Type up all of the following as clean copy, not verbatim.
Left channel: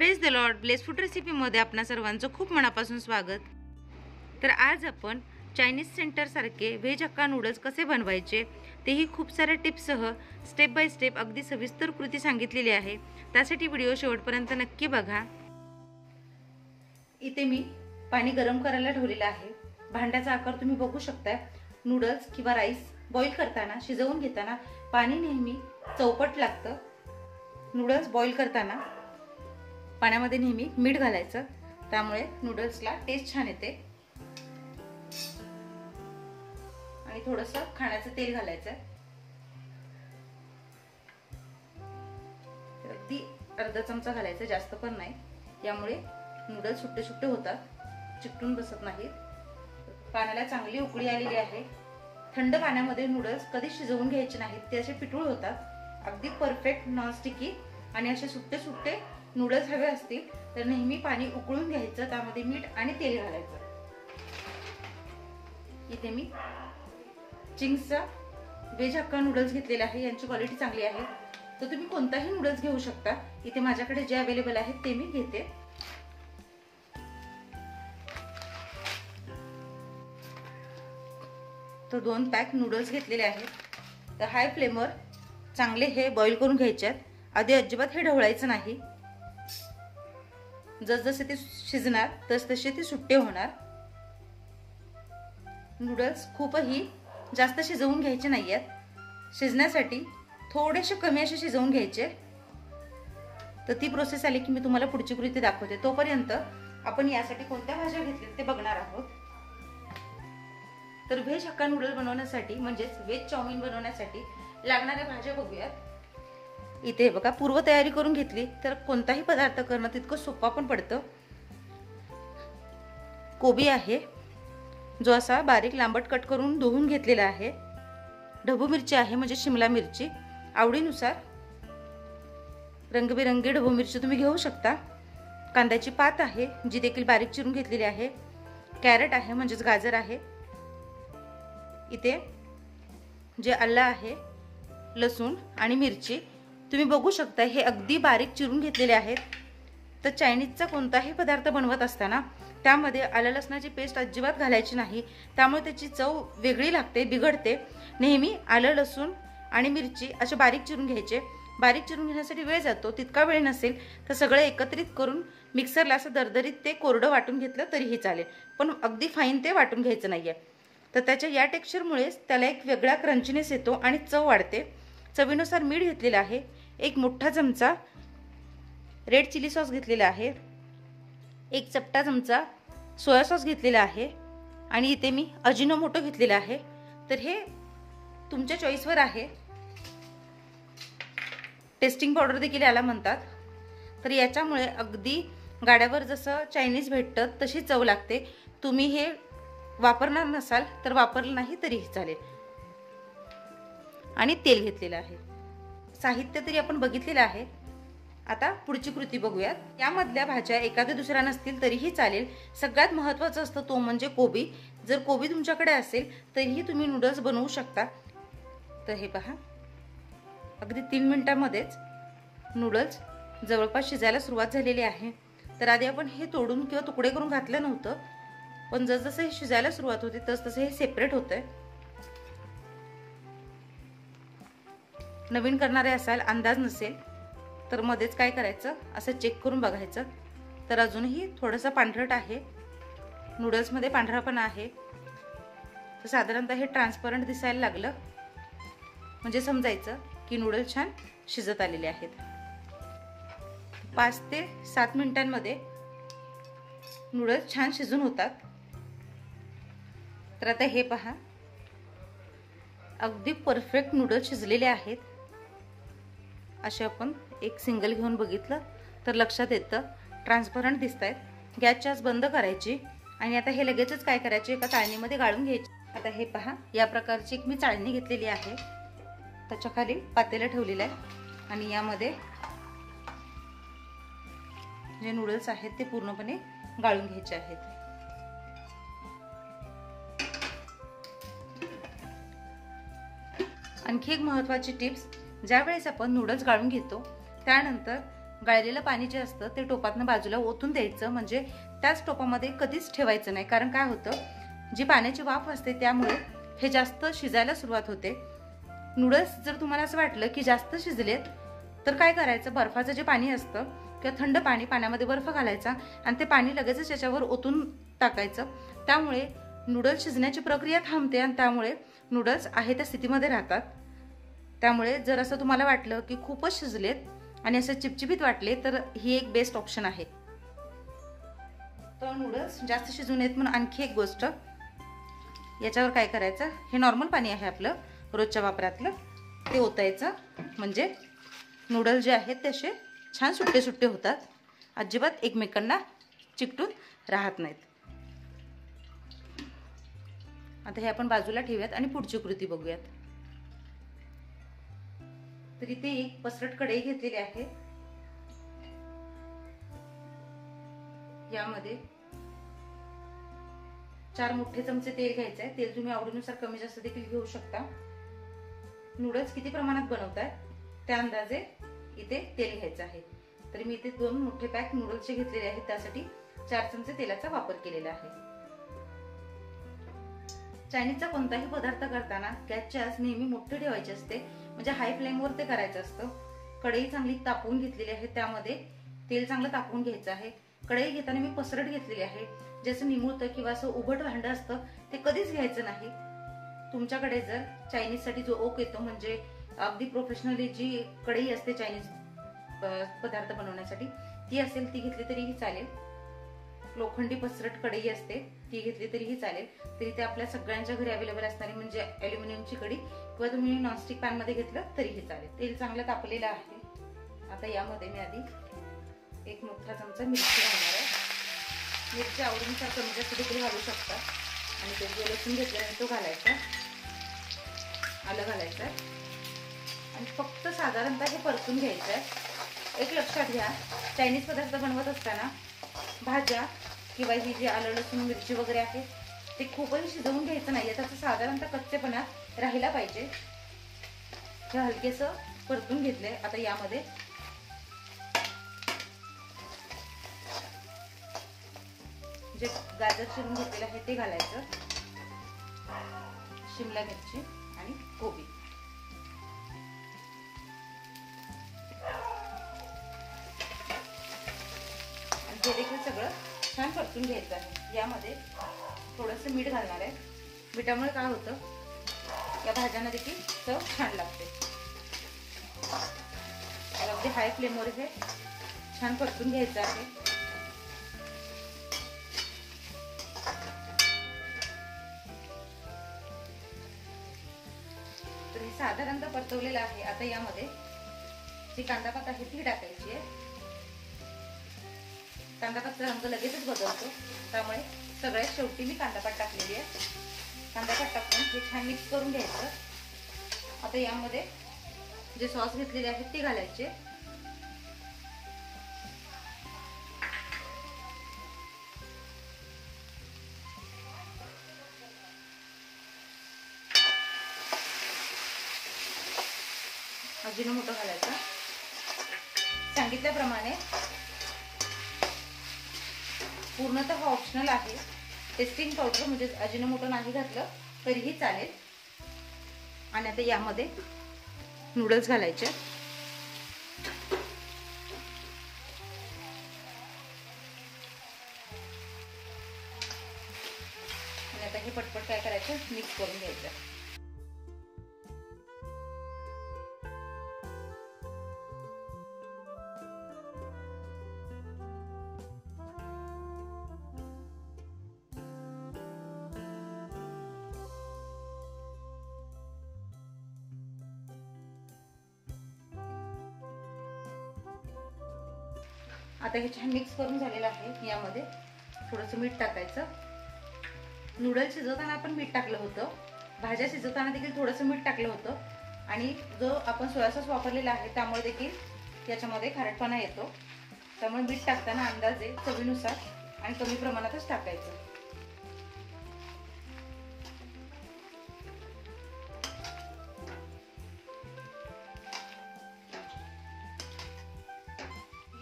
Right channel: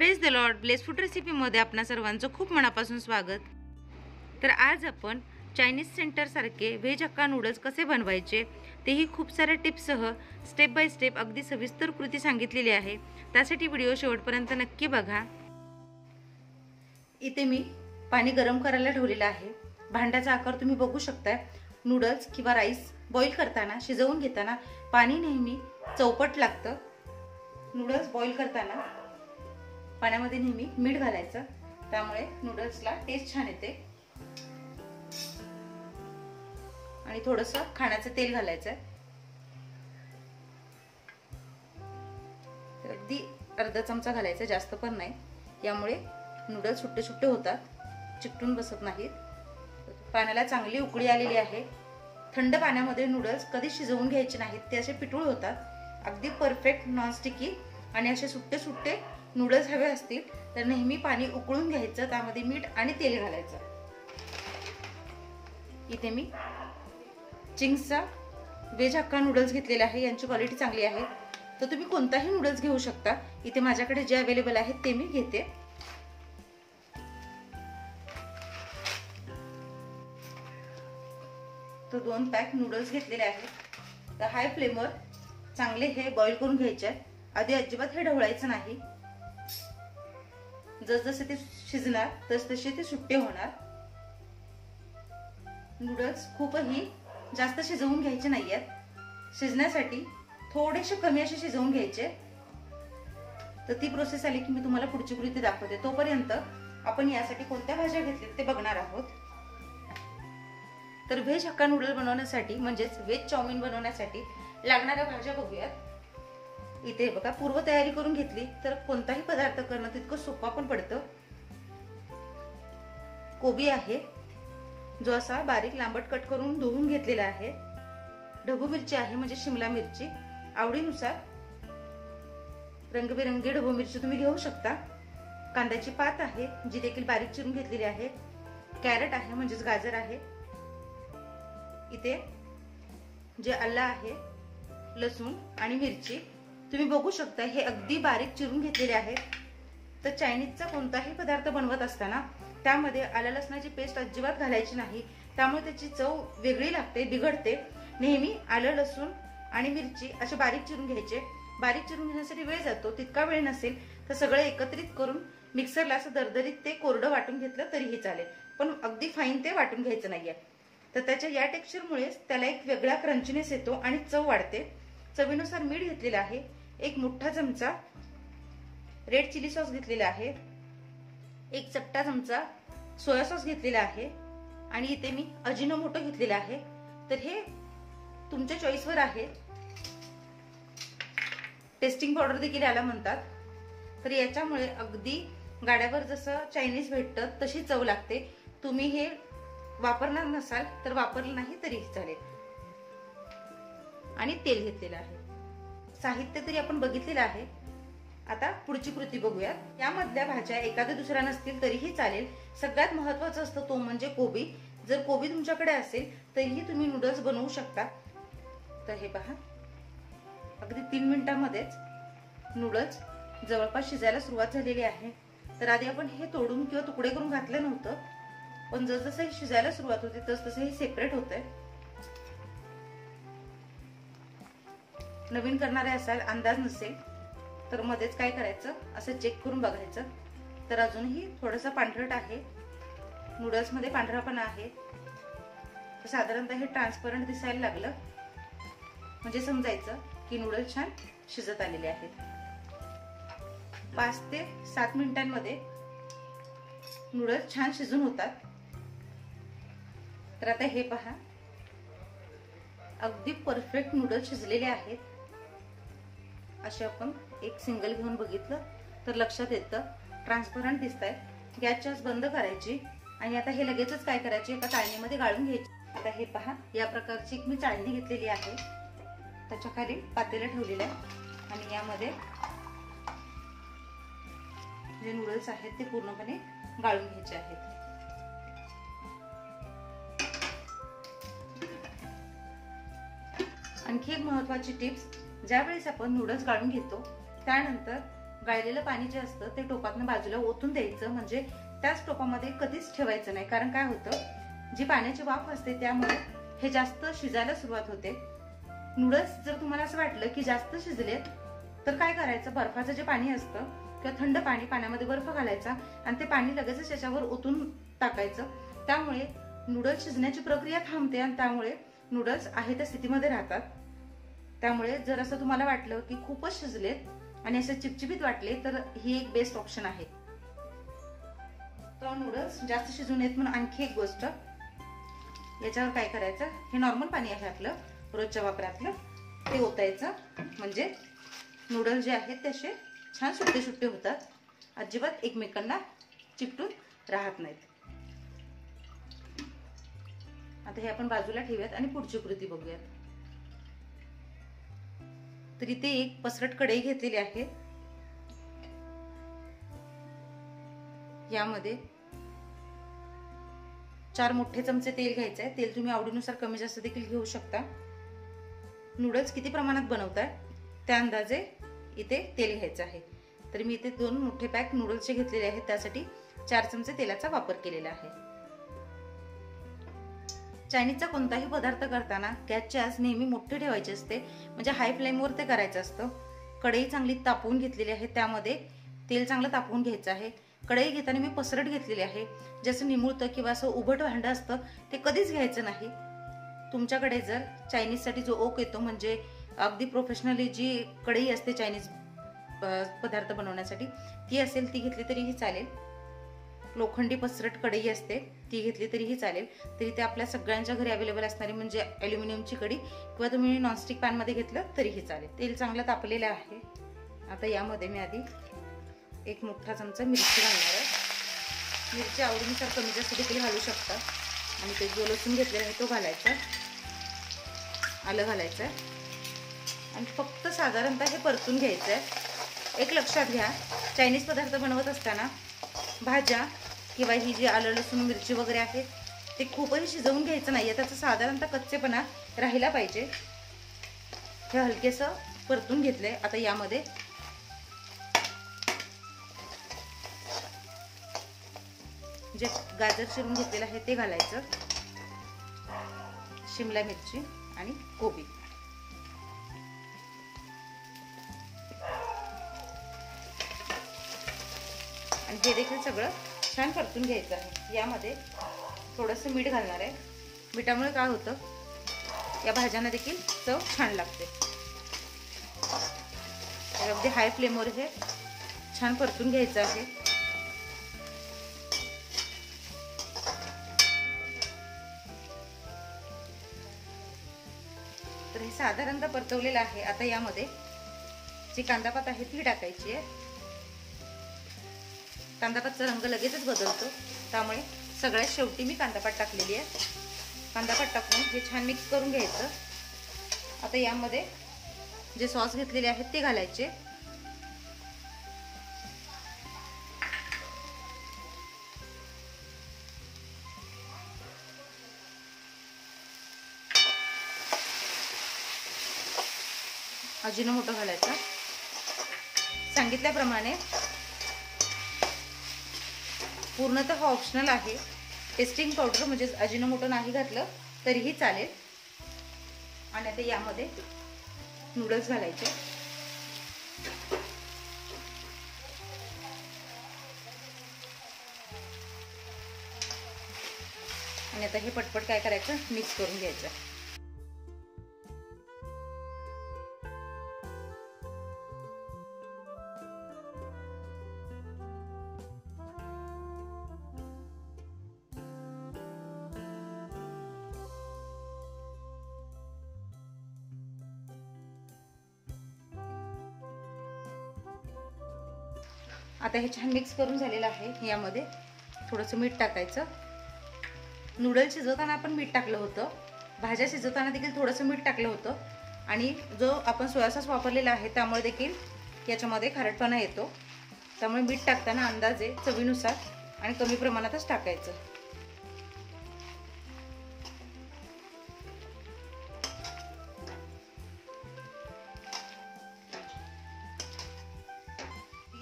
Praise the Lord. Bless food रेसिपीमध्ये आपणा सर्वांचं खूप मनापासून स्वागत. तर आज आपण चायनीज सेंटरसारखे व्हेज हक्का नूडल्स कसे बनवायचे तेही खूप साऱ्या टिप्ससह स्टेप बाय स्टेप अगदी सविस्तर कृती सांगितलेली आहे. त्यासाठी व्हिडिओ शेवटपर्यंत नक्की बघा. इथे मी पाणी गरम करायला ठेवलेलं आहे. भांड्याचा आकार तुम्ही बघू शकता. नूडल्स किंवा राईस बॉईल करताना, शिजवून घेताना पाणी नेहमी चौपट लागतं. नूडल्स बॉईल करताना पाण्यामध्ये नेहमी मीठ घालायचं, त्यामुळे नूडल्सला टेस्ट छान येते. आणि थोडंसं खाण्याचं तेल घालायचं. अगदी अर्धा चमचा घालायचं, जास्त पण नाही. यामुळे नूडल्स सुट्टे सुट्टे होतात, चिकटून बसत नाहीत. पाण्याला चांगली उकळी आलेली आहे. थंड पाण्यामध्ये नूडल्स कधी शिजवून घ्यायचे नाहीत, ते असे पिठूळ होतात. अगदी परफेक्ट नॉनस्टिकी आणि असे सुट्टे सुट्टे नूडल्स हवे असतील तर नेहमी पाणी उकळून घ्यायचं, त्यामध्ये मीठ आणि तेल घालायचं. इथे मी चिंग्सचा व्हेज हक्का नूडल्स घेतलेले आहे. यांची क्वालिटी चांगली आहे, तर तुम्ही कोणताही नूडल्स घेऊ शकता. इथे माझ्याकडे जे अवेलेबल आहेत ते मी घेते. तर 2 पॅक नूडल्स घेतलेले आहेत. तर हाय फ्लेमवर चांगले हे बॉईल करून घ्यायचे. आधी अजिबात हे ढवळायचं नाही. जसजसे ते शिजणार तसतसे ते सुट्टे होणार. नूडल्स खूपही जास्त शिजवून घ्यायचे नाहीयेत. शिजण्यासाठी थोडेसे कमी असे शिजवून घ्यायचे. तर ती प्रोसेस आली की मी तुम्हाला पुढची कृती दाखवते. तोपर्यंत आपण यासाठी कोणत्या भाज्या घेतल्या ते बघणार आहोत. तर व्हेज हक्का नूडल बनवण्यासाठी म्हणजेच व्हेज चाउमिन बनवण्यासाठी लागणाऱ्या भाज्या बघूयात. इथे बघा, पूर्व तयारी करून घेतली तर कोणताही पदार्थ करणं तितकं सोपा पण पडतं. कोबी आहे, जो असा बारीक लांबट कट करून धुवून घेतलेला आहे. ढबू मिरची आहे, म्हणजे शिमला मिरची. आवडीनुसार रंगबिरंगी ढबू मिरची तुम्ही घेऊ शकता. कांद्याची पात आहे, जी देखील बारीक चिरून घेतलेली आहे. कॅरेट आहे, म्हणजेच गाजर आहे. इथे जे आलं आहे, लसूण आणि मिरची तुम्ही बघू शकता, हे अगदी बारीक चिरून घेतलेले आहेत. तर चायनीजचा कोणताही पदार्थ बनवत असताना त्यामध्ये आलं लसणाची पेस्ट अजिबात घालायची नाही, त्यामुळे त्याची चव वेगळी लागते, बिघडते. नेहमी आलं लसूण आणि मिरची असे बारीक चिरून घ्यायचे. बारीक चिरून घेण्यासाठी वेळ जातो, तितका वेळ नसेल तर सगळे एकत्रित करून मिक्सरला असं दरदरीत ते कोरडं वाटून घेतलं तरीही चालेल, पण अगदी फाईन ते वाटून घ्यायचं नाहीये. तर त्याच्या या टेक्स्चरमुळेच त्याला एक वेगळा क्रंचीनेस येतो आणि चव वाढते. चवीनुसार मीठ घेतलेलं आहे. 1 मोठा चमचा रेड चिली सॉस घेतलेला आहे. 1 चपटा चमचा सोया सॉस घेतलेला आहे. आणि इथे मी अजिनोमोटो घेतलेला आहे. तर हे तुमच्या चॉईसवर आहे. टेस्टिंग पावडर देखील याला म्हणतात. तर याच्यामुळे अगदी गाड्यावर जसं चायनीज भेटतं तशी चव लागते. तुम्ही हे वापरणार नसाल तर वापरलं नाही तरीही चालेल. आणि तेल घेतलेलं आहे. साहित्य तरी आपण बघितलेलं आहे. आता पुढची कृती बघूयात. यामधल्या भाज्या एखाद्या दुसऱ्या नसतील तरीही चालेल. सगळ्यात महत्वाचं असतं तो म्हणजे कोबी. जर कोबी तुमच्याकडे असेल तरीही तुम्ही नूडल्स बनवू शकता. तर हे पहा, अगदी 3 मिनिटांमध्येच नूडल्स जवळपास शिजायला सुरुवात झालेली आहे. तर आधी आपण हे तोडून किंवा तुकडे करून घातलं नव्हतं, पण जसजसं हे शिजायला सुरुवात होते तसतसं हे सेपरेट होतंय. नवीन करणारे असाल, अंदाज नसेल तर मध्येच काय करायचं, असं चेक करून बघायचं. तर अजूनही थोडंसं पांढरट आहे, नूडल्स मध्ये पांढरापणा आहे. तर साधारणतः हे ट्रान्सपरंट दिसायला लागलं म्हणजे समजायचं की नूडल्स छान शिजत आलेले आहेत. 5 ते 7 मिनिटांमध्ये नूडल्स छान शिजून होतात. तर आता हे पहा, अगदी परफेक्ट नूडल्स शिजलेले आहेत. असे आपण एक सिंगल घेऊन बघितलं तर लक्षात येतं, ट्रान्सपरंट दिसतायत. गॅसची आच बंद करायची आणि आता हे लगेचच काय करायचे, एका चाळणीमध्ये गाळून घ्यायचे. आता हे पहा, या प्रकारची एक मी चाळणी घेतलेली आहे. त्याच्या खाली पातेलं ठेवलेलं आहे आणि यामध्ये जे नूडल्स आहेत ते पूर्णपणे गाळून घ्यायचे आहेत. आणखी एक महत्त्वाची टिप्स, ज्यावेळेस आपण नूडल्स गाळून घेतो त्यानंतर गाळलेलं पाणी जे असतं ते टोपातनं बाजूला ओतून द्यायचं, म्हणजे त्याच टोपामध्ये कधीच ठेवायचं नाही. कारण काय होतं, जी पाण्याची वाफ असते त्यामुळे हे जास्त शिजायला सुरुवात होते. नूडल्स जर तुम्हाला असं वाटलं की जास्त शिजलेत तर काय करायचं, बर्फाचं जे पाणी असतं किंवा थंड पाण्यामध्ये बर्फ घालायचा आणि ते पाणी लगेचच त्याच्यावर ओतून टाकायचं. त्यामुळे नूडल्स शिजण्याची प्रक्रिया थांबते आणि त्यामुळे नूडल्स आहे त्या स्थितीमध्ये राहतात. त्यामुळे जर असं तुम्हाला वाटलं की खूपच शिजलेत आणि असं चिपचिपीत वाटले तर ही एक बेस्ट ऑप्शन आहे. तर नूडल्स जास्त शिजू नयेत म्हणून आणखी एक गोष्ट, याच्यावर काय करायचं, हे नॉर्मल पाणी आहे आपलं रोजच्या वापरातलं, ते ओतायचं. म्हणजे नूडल्स जे आहेत ते असे छान सुट्टे सुट्टे होतात, अजिबात एकमेकांना चिकटून राहत नाहीत. आता हे आपण बाजूला ठेवूयात आणि पुढची कृती बघूयात. तर इथे एक पसरट कढई घेतलेली आहे. यामध्ये 4 मोठे चमचे तेल घ्यायचे आहे. तेल तुम्ही आवडीनुसार कमी जास्त देखील घेऊ शकता. नूडल्स किती प्रमाणात बनवताय त्या अंदाजे इथे तेल घ्यायचं आहे. तर मी इथे 2 मोठे पॅक नूडल्सचे घेतलेले आहेत, त्यासाठी 4 चमचे तेलाचा वापर केलेला आहे. चायनीजचा कोणताही पदार्थ करताना गॅसची आच नेहमी मोठी ठेवायची असते, म्हणजे हाय फ्लेमवर ते करायचं असतं. कढई चांगली तापवून घेतलेली आहे, त्यामध्ये तेल चांगलं तापवून घ्यायचं आहे. कढई घेताना मी पसरट घेतलेली आहे. जसं निमुळतं किंवा असं उभट भांडं असतं ते कधीच घ्यायचं नाही. तुमच्याकडे जर चायनीजसाठी जो ओक येतो, म्हणजे अगदी प्रोफेशनली जी कढई असते चायनीज पदार्थ बनवण्यासाठी, ती असेल ती घेतली तरीही चालेल. लोखंडी पसरट कढई असते ती घेतली तरीही चालेल. तरी ते आपल्या सगळ्यांच्या घरी अवेलेबल असणारी म्हणजे ॲल्युमिनियमची कढई, किंवा तुम्ही नॉनस्टिक पॅन मध्ये घेतलं तरीही चालेल. तेल चांगलं तापलेलं आहे. आता यामध्ये मी आधी 1 मोठा चमचा मिरची घालणार आहे. मिरची आवडीनुसार कमी जास्त देखील घालू शकता. आणि ते जो लसूण घेतलेला आहे तो घालायचा, आलं घालायचं आणि फक्त साधारणतः हे परतून घ्यायचं आहे. एक लक्षात घ्या, चायनीज पदार्थ बनवत असताना भाज्या किंवा ही जी आलं लसूण मिरची वगैरे आहे ते खूपही शिजवून घ्यायचं नाहीये, त्याचा साधारणतः कच्चेपणा राहिला पाहिजे. हे हलकेसं परतून घेतलंय. आता यामध्ये जे गाजर चिरून घेतलेलं आहे ते घालायचं, शिमला मिरची आणि कोबी. आणि हे देखील सगळं छान परतून घ्यायचं आहे. यामध्ये थोडंसं मीठ घालणार आहे. मिठामुळे काय होतं, या भाज्यांना देखील चव छान लागते. अगदी हाय फ्लेमवर हे छान परतून घ्यायचं आहे. तर हे साधारणतः परतवलेलं आहे. आता यामध्ये जी कांदापात आहे ती टाकायची आहे. कांदापातचा रंग लगेचच बदलतो, त्यामुळे सगळ्यात शेवटी मी कांदापात टाकलेली आहे. कांदापात टाकून हे छान मिक्स करून घ्यायचं. आता यामध्ये जे सॉस घेतलेले आहेत ते घालायचे. अजिनोमोटो घालायचा. सांगितल्याप्रमाणे पूर्णतः ऑप्शनल आहे. टेस्टिंग पावडर म्हणजे अजिनोमोटो नाही घातलं तरीही चालेल. आणि आता यामध्ये नूडल्स घालायचे. आणि आता हे पटपट काय करायचं, मिक्स करून घ्यायचं. आता हे छान मिक्स करून झालेलं आहे. यामध्ये थोडंसं मीठ टाकायचं. नूडल्स शिजवताना आपण मीठ टाकलं होतं, भाज्या शिजवताना देखील थोडंसं मीठ टाकलं होतं. आणि जो आपण सोया सॉस वापरलेला आहे त्यामुळे देखील याच्यामध्ये खारटपणा येतो. त्यामुळे मीठ टाकताना अंदाजे चवीनुसार आणि कमी प्रमाणातच टाकायचं.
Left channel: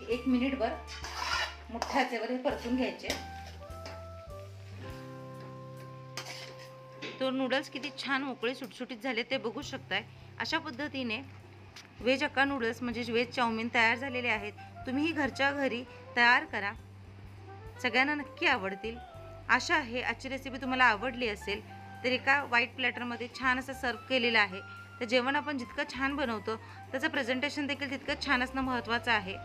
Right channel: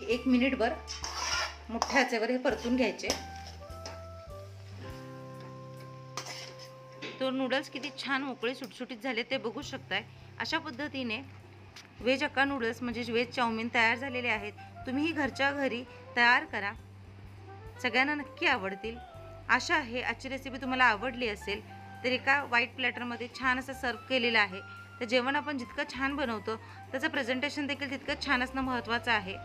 1 मिनिटभर मोठ्या आचेवर हे परतून घ्यायचे। तर नूडल्स किती छान मोकळे सुटसुटीत झाले ते बघू शकताय। अशा पद्धतीने व्हेज हक्का नूडल्स म्हणजे व्हेज चाऊमिन तयार झालेले आहेत। तुम्हीही घरच्या घरी तयार करा, सगळ्यांना नक्की आवडतील। आशा आहे आजची रेसिपी तुम्हाला आवडली असेल। तर एका व्हाईट प्लॅटरमध्ये छान असं सर्व केलेलं आहे। तर जेवण आपण जितकं छान बनवतो त्याचं प्रेझेंटेशन देखील तितकं छान असणं महत्त्वाचं आहे।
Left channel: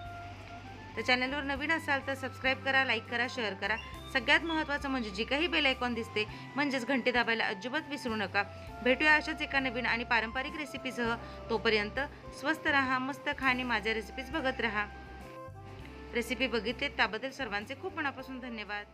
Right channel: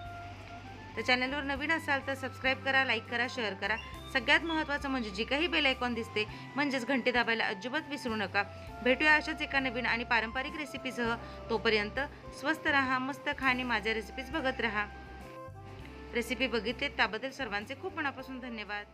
तर चॅनलवर नवीन असाल तर सबस्क्राईब करा, लाईक करा, शेअर करा। सगळ्यात महत्त्वाचं म्हणजे जे काही बेल आयकॉन दिसते म्हणजेच घंटी दाबायला अजिबात विसरू नका। भेटूया अशाच एका नवीन आणि पारंपरिक रेसिपीसह। तोपर्यंत स्वस्त रहा, मस्त खा आणि माझ्या रेसिपीज बघत रहा। रेसिपी बघितली त्याबद्दल सर्वांचे खूप मनापासून धन्यवाद।